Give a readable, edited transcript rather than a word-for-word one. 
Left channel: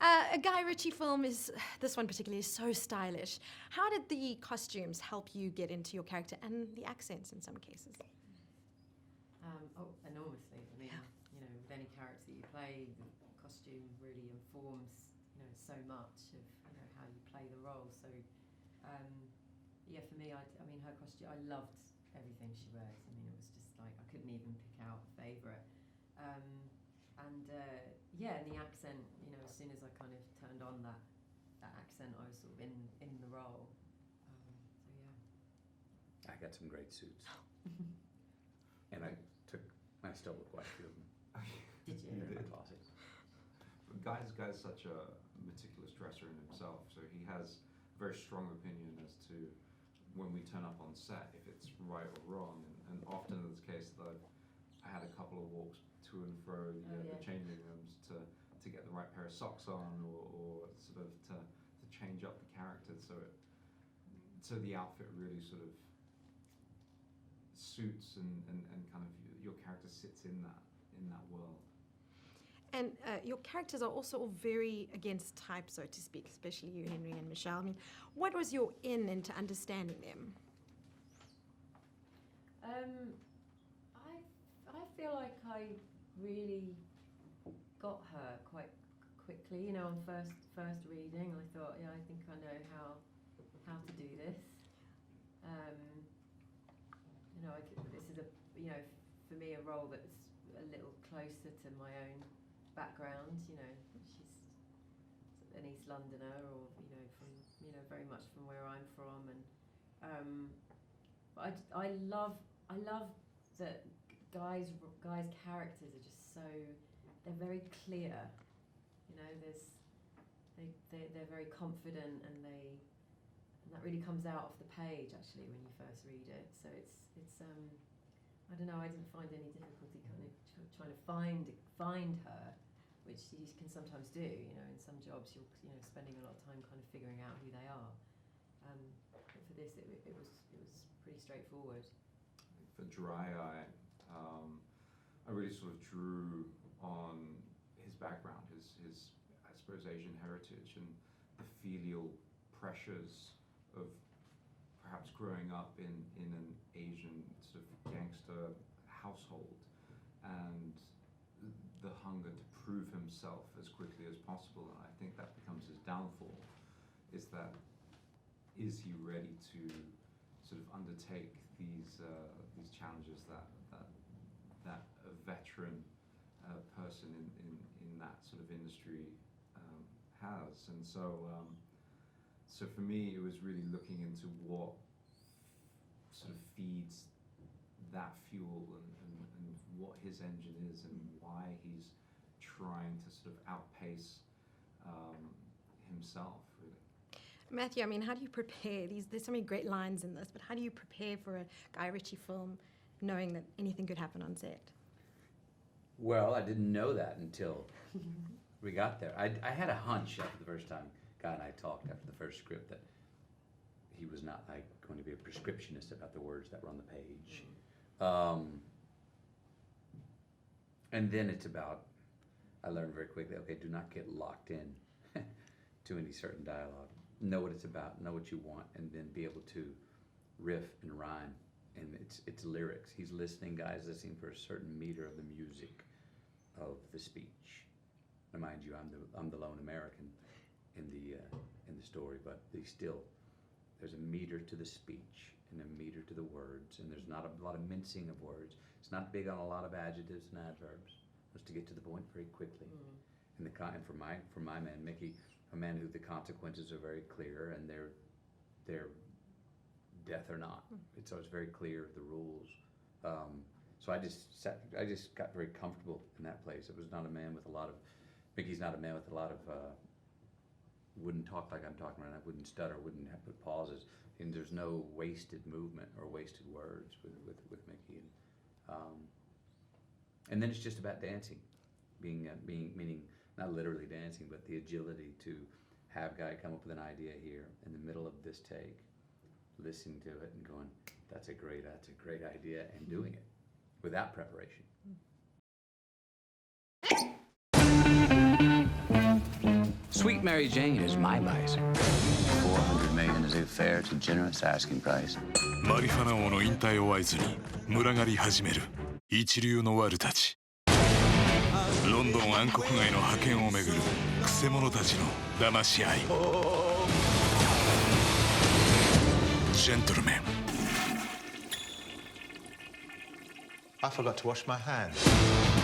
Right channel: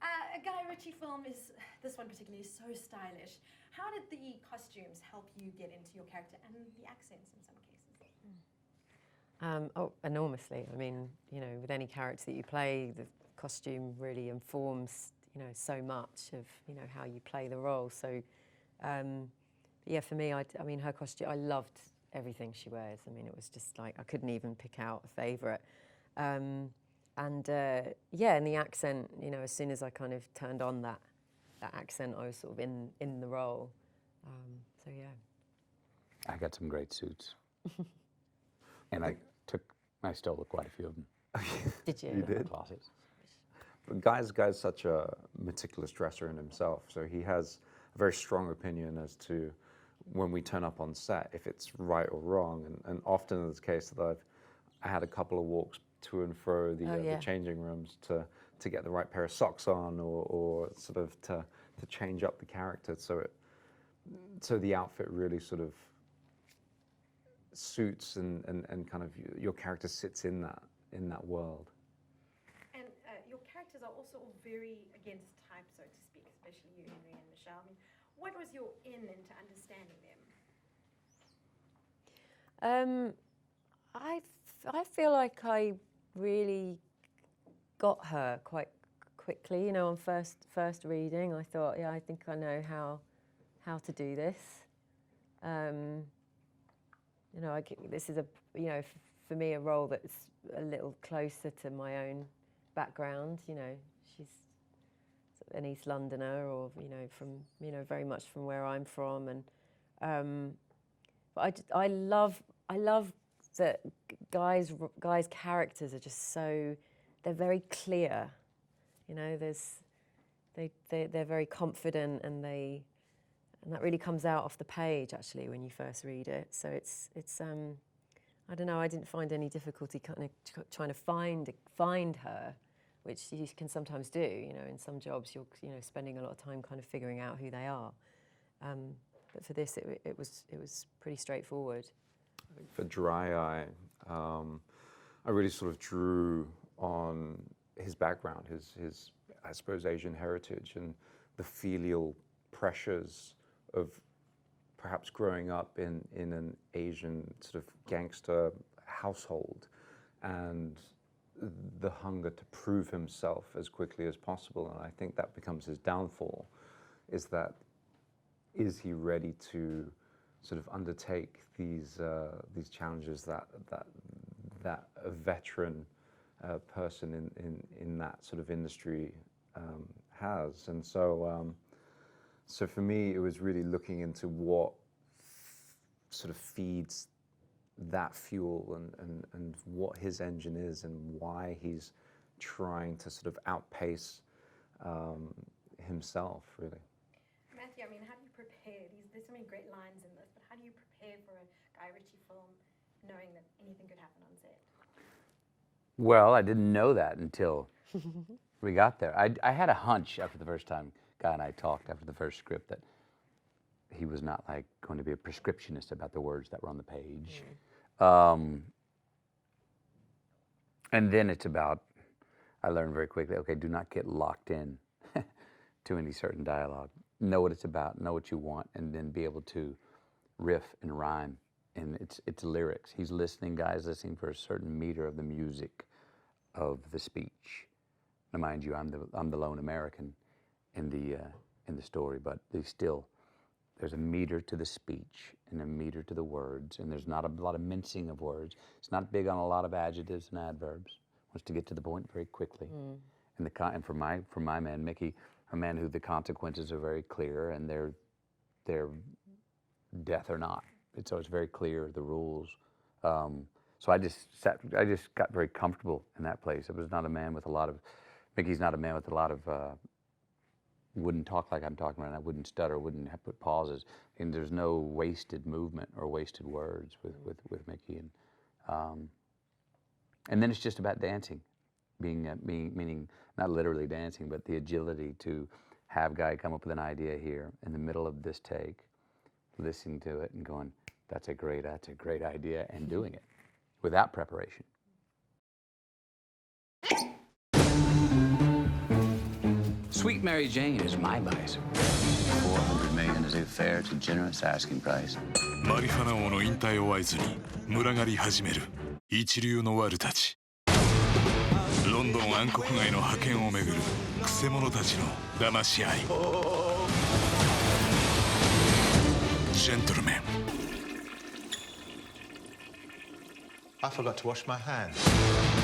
A Guy Ritchie film this one particularly is so stylish. How did the costumes help you get into your character and the accents in some cases? Enormously. I mean, with any character that you play, the costume really informs, so much of, how you play the role. So, yeah, for me, I mean, her costume, I loved everything she wears. I mean, it was just like, I couldn't even pick out a favourite. Yeah, and the accent, as soon as I kind of turned on that accent, I was sort of in the role. So, yeah. I got some great suits. And I stole quite a few of them. Did you? You did? Closets. Guy's such a meticulous dresser in himself, so he has a very strong opinion as to when we turn up on set, if it's right or wrong. And often in this case that I had a couple of walks to and fro the changing rooms to get the right pair of socks on or sort of to change up the character so the outfit really sort of suits and kind of your character sits in that world. And your characters are also all very against type, so to speak, especially you, Henry and Michelle. I mean, what was your in into understanding them? I feel like I really got her quite quickly. On first reading, I thought, yeah, I think I know how to do this. This is for me a role that's a little closer to my own background. She's an East Londoner, or from very much from where I'm from, and but I love that guys' characters are just they're very clear. They're very confident, and that really comes out off the page actually when you first read it. So it's I don't know. I didn't find any difficulty kind of trying to find her, which you can sometimes do. In some jobs you're spending a lot of time kind of figuring out who they are. But for this, it was pretty straightforward. For Dry Eye, I really sort of drew on his background, his I suppose Asian heritage, and the filial pressures of perhaps growing up in an Asian sort of gangster household, and the hunger to prove himself as quickly as possible. And I think that becomes his downfall, is he ready to sort of undertake these challenges that a veteran person in that sort of industry has. And so for me, it was really looking into what sort of feeds that fuel and what his engine is and why he's trying to sort of outpace himself, really. Matthew, I mean, how do you prepare? There's so many great lines in this, but how do you prepare for a Guy Ritchie film knowing that anything could happen on set? Well, I didn't know that until we got there. I had a hunch after the first time Guy and I talked after the first script that he was not like going to be a prescriptionist about the words that were on the page. And then it's about, I learned very quickly, okay, do not get locked in to any certain dialogue. Know what it's about, know what you want, and then be able to riff and rhyme. And it's lyrics. He's listening, Guy's listening for a certain meter of the music of the speech. Now, mind you, I'm the lone American in the story, but there's a meter to the speech and a meter to the words, and there's not a lot of mincing of words. It's not big on a lot of adjectives and adverbs. Wants to get to the point very quickly. And for my man Mickey, a man who the consequences are very clear, and they're death or not. So it's very clear, the rules. So I just got very comfortable in that place. It was not a man with a lot of, Mickey's not a man with a lot of, wouldn't talk like I'm talking right now, wouldn't stutter, wouldn't have put pauses. And there's no wasted movement or wasted words with Mickey. And then it's just about dancing, meaning not literally dancing, but the agility to have Guy come up with an idea here in the middle of this take, listening to it and going, that's a great idea, and doing it without preparation. Sweet Mary Jane is my bicycle. 400 million is a fair to generous asking price. マリファナ王の引退を合図に群がり始める一流のワルたち。ロンドン暗黒街の覇権をめぐるくせ者たちの騙し合い。ジェントルメン。 I forgot to wash my hands.